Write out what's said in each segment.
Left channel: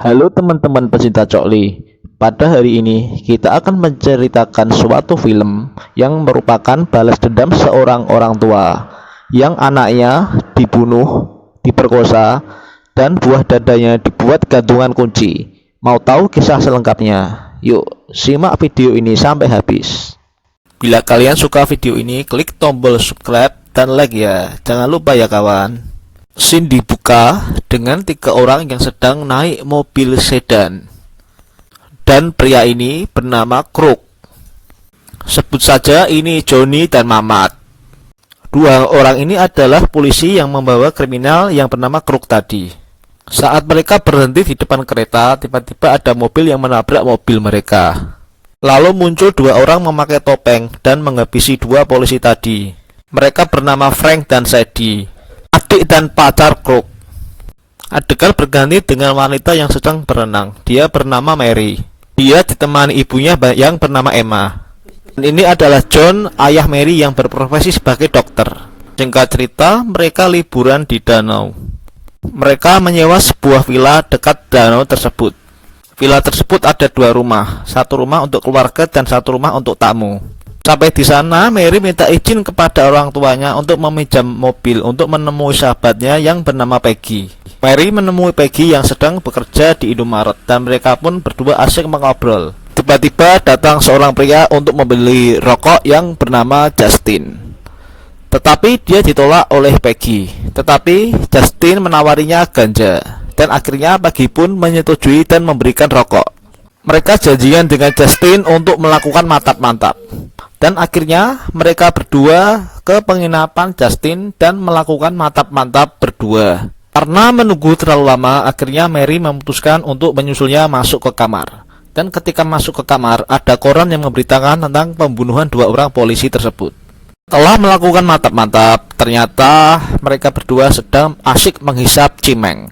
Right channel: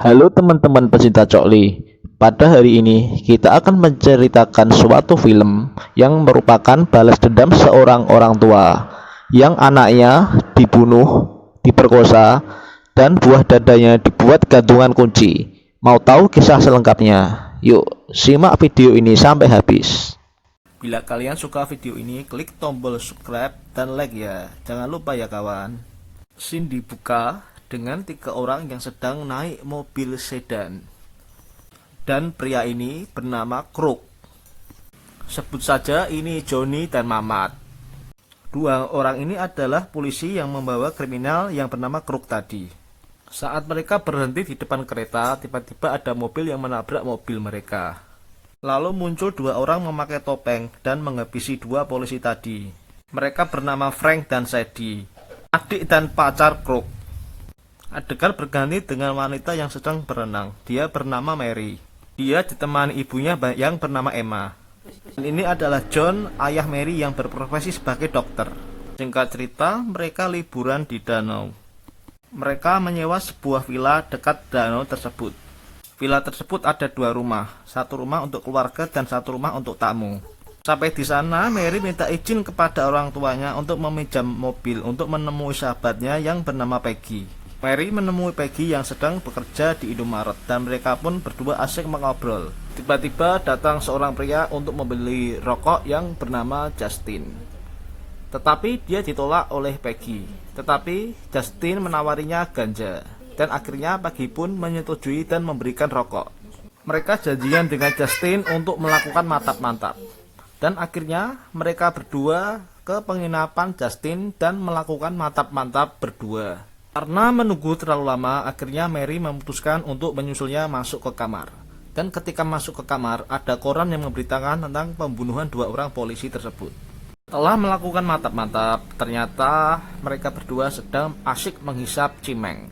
Halo teman-teman pecinta Cokli. Pada hari ini kita akan menceritakan suatu film yang merupakan balas dendam seorang orang tua yang anaknya dibunuh, diperkosa, dan buah dadanya dibuat gantungan kunci. Mau tahu kisah selengkapnya? Yuk, simak video ini sampai habis. Bila kalian suka video ini, klik tombol subscribe dan like ya. Jangan lupa ya kawan. Scene dibuka dengan 3 orang yang sedang naik mobil sedan, dan pria ini bernama Kruk. Sebut saja ini Johnny dan Mamat. 2 orang ini adalah polisi yang membawa kriminal yang bernama Kruk tadi. Saat mereka berhenti di depan kereta, tiba-tiba ada mobil yang menabrak mobil mereka. Lalu muncul 2 orang memakai topeng dan menghabisi 2 polisi tadi. Mereka bernama Frank dan Sadie, adik dan pacar Kruk. Adegan berganti dengan wanita yang sedang berenang. Dia bernama Mary. Dia ditemani ibunya yang bernama Emma. Dan ini adalah John, ayah Mary yang berprofesi sebagai dokter. Singkat cerita, mereka liburan di danau. Mereka menyewa sebuah villa dekat danau tersebut. Villa tersebut ada 2 rumah. 1 rumah untuk keluarga dan 1 rumah untuk tamu. Sampai di sana, Mary minta izin kepada orang tuanya untuk meminjam mobil untuk menemui sahabatnya yang bernama Peggy. Mary menemui Peggy yang sedang bekerja di Indomaret dan mereka pun berdua asyik mengobrol. Tiba-tiba datang seorang pria untuk membeli rokok yang bernama Justin. Tetapi dia ditolak oleh Peggy. Tetapi Justin menawarinya ganja dan akhirnya Peggy pun menyetujui dan memberikan rokok. Mereka janjian dengan Justin untuk melakukan mantap-mantap. Dan akhirnya mereka berdua ke penginapan Justin dan melakukan mantap-mantap berdua. Karena menunggu terlalu lama, akhirnya Mary memutuskan untuk menyusulnya masuk ke kamar. Dan ketika masuk ke kamar, ada koran yang memberitakan tentang pembunuhan 2 orang polisi tersebut. Setelah melakukan mantap-mantap, ternyata mereka berdua sedang asyik menghisap cimeng.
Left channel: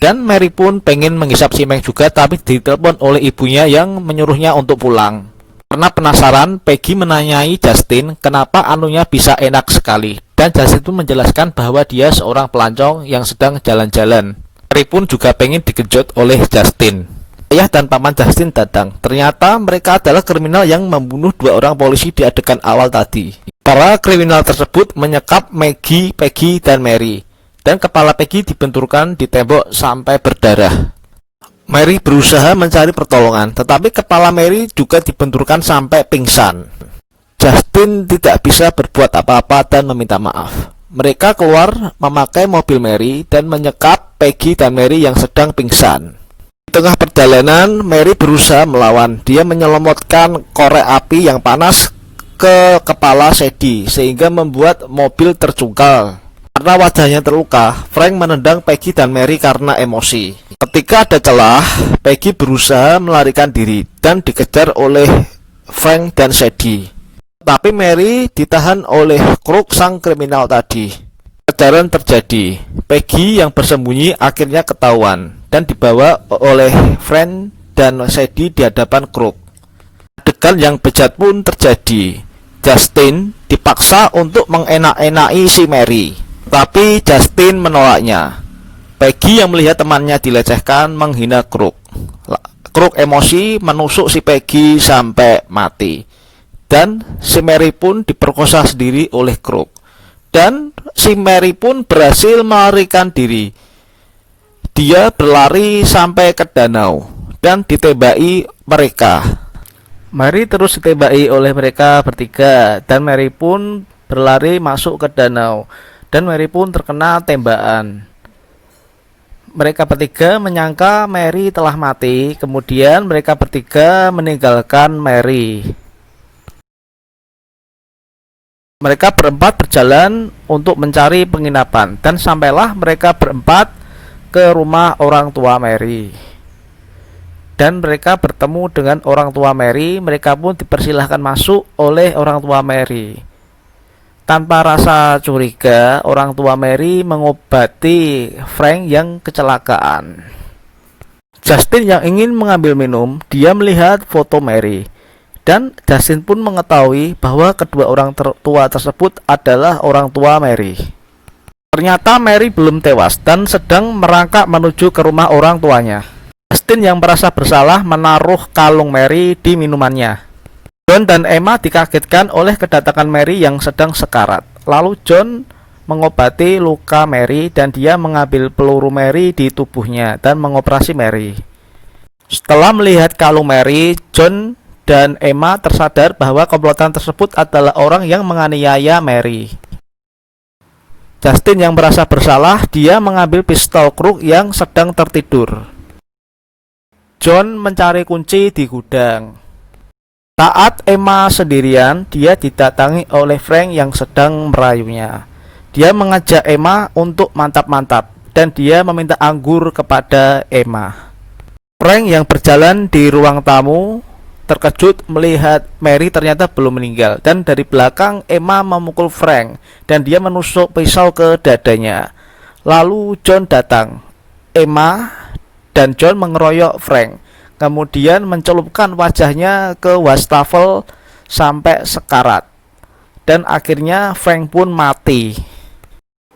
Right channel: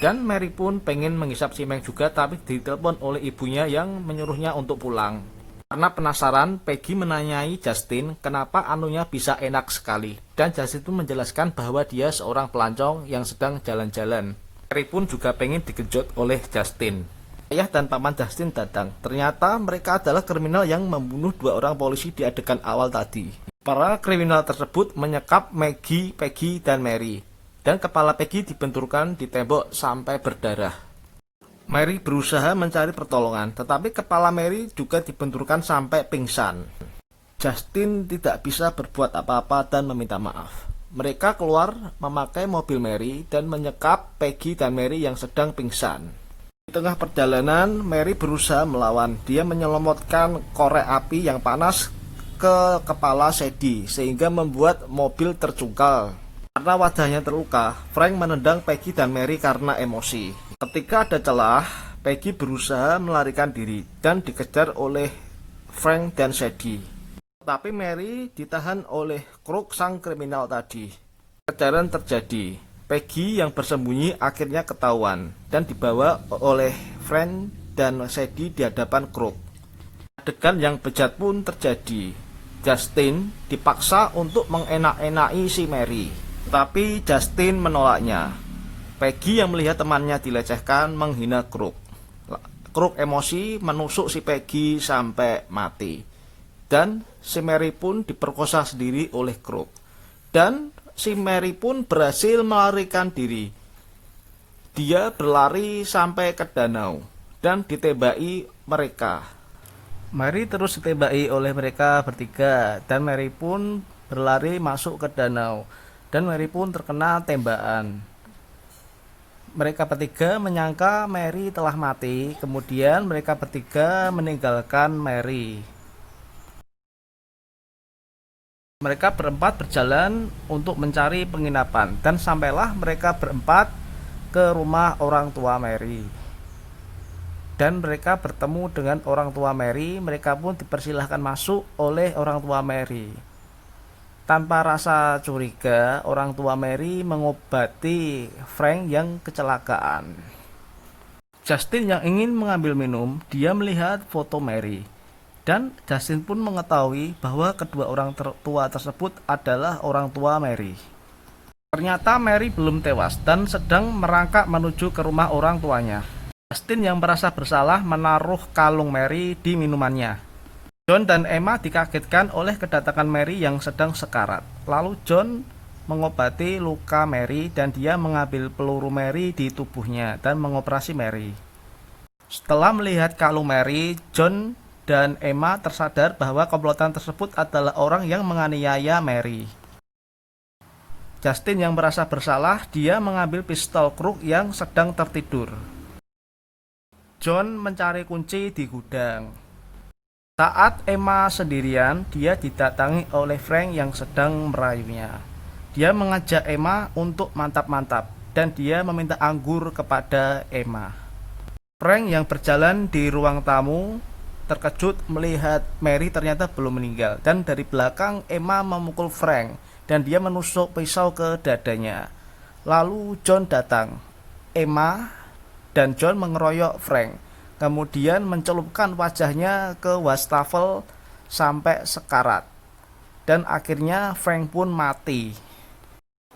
Dan Mary pun pengen menghisap cimeng juga, tapi ditelepon oleh ibunya yang menyuruhnya untuk pulang. Karena penasaran, Peggy menanyai Justin kenapa anunya bisa enak sekali. Dan Justin pun menjelaskan bahwa dia seorang pelancong yang sedang jalan-jalan. Mary pun juga pengen dikejut oleh Justin. Ayah dan paman Justin datang. Ternyata mereka adalah kriminal yang membunuh 2 orang polisi di adegan awal tadi. Para kriminal tersebut menyekap Maggie, Peggy, dan Mary. Dan kepala Peggy dibenturkan di tembok sampai berdarah. Mary berusaha mencari pertolongan, tetapi kepala Mary juga dibenturkan sampai pingsan. Justin tidak bisa berbuat apa-apa dan meminta maaf. Mereka keluar memakai mobil Mary dan menyekap Peggy dan Mary yang sedang pingsan. Di tengah perjalanan, Mary berusaha melawan. Dia menyelomotkan korek api yang panas ke kepala Sadie sehingga membuat mobil tercungkal. Karena wajahnya terluka, Frank menendang Peggy dan Mary karena emosi. Ketika ada celah, Peggy berusaha melarikan diri dan dikejar oleh Frank dan Sadie. Tapi Mary ditahan oleh Kruk sang kriminal tadi. Kejaran terjadi. Peggy yang bersembunyi akhirnya ketahuan dan dibawa oleh Frank dan Sadie di hadapan Kruk. Adegan yang bejat pun terjadi. Justin dipaksa untuk mengenak-enaki si Mary, tapi Justin menolaknya. Peggy yang melihat temannya dilecehkan menghina Kruk. Kruk emosi menusuk si Peggy sampai mati. Dan si Mary pun diperkosa sendiri oleh Kruk. Dan si Mary pun berhasil melarikan diri. Dia berlari sampai ke danau dan ditembaki mereka. Mary terus ditembaki oleh mereka bertiga dan Mary pun berlari masuk ke danau. Dan Mary pun terkena tembakan. Mereka bertiga menyangka Mary telah mati. Kemudian mereka bertiga meninggalkan Mary. Mereka berempat berjalan untuk mencari penginapan. Dan sampailah mereka berempat ke rumah orang tua Mary. Dan mereka bertemu dengan orang tua Mary. Mereka pun dipersilahkan masuk oleh orang tua Mary. Tanpa rasa curiga, orang tua Mary mengobati Frank yang kecelakaan. Justin yang ingin mengambil minum, dia melihat foto Mary. Dan Justin pun mengetahui bahwa kedua orang tua tersebut adalah orang tua Mary. Ternyata Mary belum tewas dan sedang merangkak menuju ke rumah orang tuanya. Justin yang merasa bersalah menaruh kalung Mary di minumannya. John dan Emma dikagetkan oleh kedatangan Mary yang sedang sekarat. Lalu John mengobati luka Mary dan dia mengambil peluru Mary di tubuhnya dan mengoperasi Mary. Setelah melihat kalung Mary, John dan Emma tersadar bahwa komplotan tersebut adalah orang yang menganiaya Mary. Justin yang merasa bersalah, dia mengambil pistol Kruk yang sedang tertidur. John mencari kunci di gudang. Saat Emma sendirian, dia didatangi oleh Frank yang sedang merayunya. Dia mengajak Emma untuk mantap-mantap dan dia meminta anggur kepada Emma. Frank yang berjalan di ruang tamu terkejut melihat Mary ternyata belum meninggal, dan dari belakang Emma memukul Frank dan dia menusuk pisau ke dadanya. Lalu John datang. Emma dan John mengeroyok Frank, kemudian mencelupkan wajahnya ke wastafel sampai sekarat, dan akhirnya Frank pun mati.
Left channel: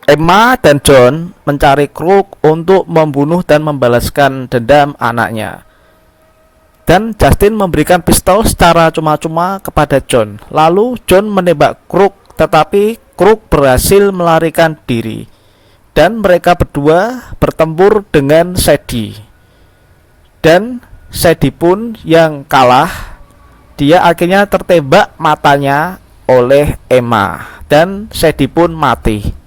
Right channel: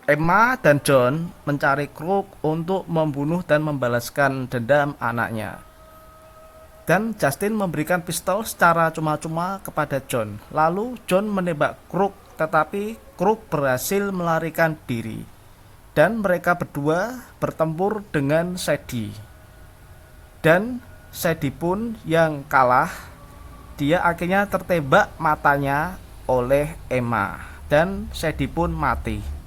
Emma dan John mencari Kruk untuk membunuh dan membalaskan dendam anaknya. Dan Justin memberikan pistol secara cuma-cuma kepada John. Lalu John menembak Kruk, tetapi Kruk berhasil melarikan diri. Dan mereka berdua bertempur dengan Sadie. Dan Sadie pun yang kalah. Dia akhirnya tertembak matanya oleh Emma dan Sadie pun mati.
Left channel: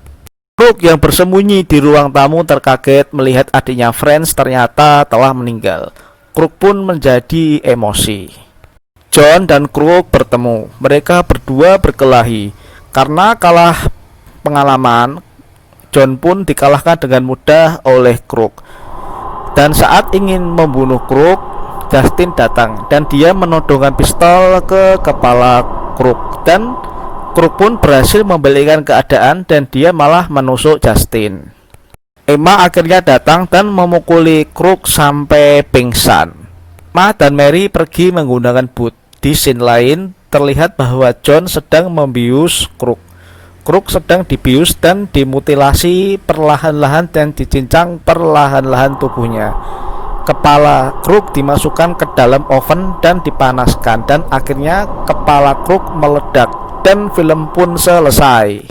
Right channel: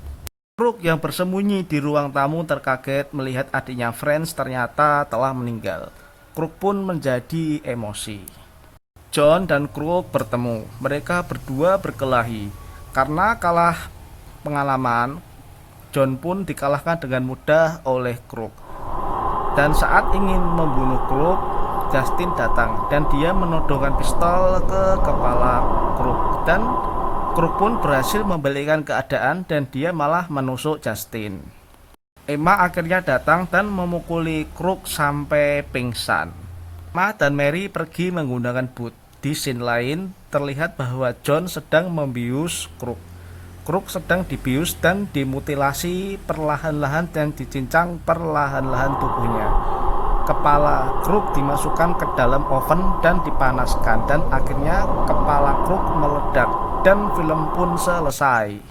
Kruk yang bersembunyi di ruang tamu terkaget melihat adiknya Franz ternyata telah meninggal. Kruk pun menjadi emosi. John dan Kruk bertemu. Mereka berdua berkelahi. Karena kalah pengalaman, John pun dikalahkan dengan mudah oleh Kruk. Dan saat ingin membunuh Kruk, Justin datang dan dia menodongkan pistol ke kepala Kruk, dan Kruk pun berhasil membalikkan keadaan dan dia malah menusuk Justin. Emma akhirnya datang dan memukuli Kruk sampai pingsan. Emma dan Mary pergi menggunakan boot. Di scene lain terlihat bahwa John sedang membius Kruk. Kruk sedang dibius dan dimutilasi perlahan-lahan dan dicincang perlahan-lahan tubuhnya. Kepala Kruk dimasukkan ke dalam oven dan dipanaskan, dan akhirnya kepala Kruk meledak dan film pun selesai.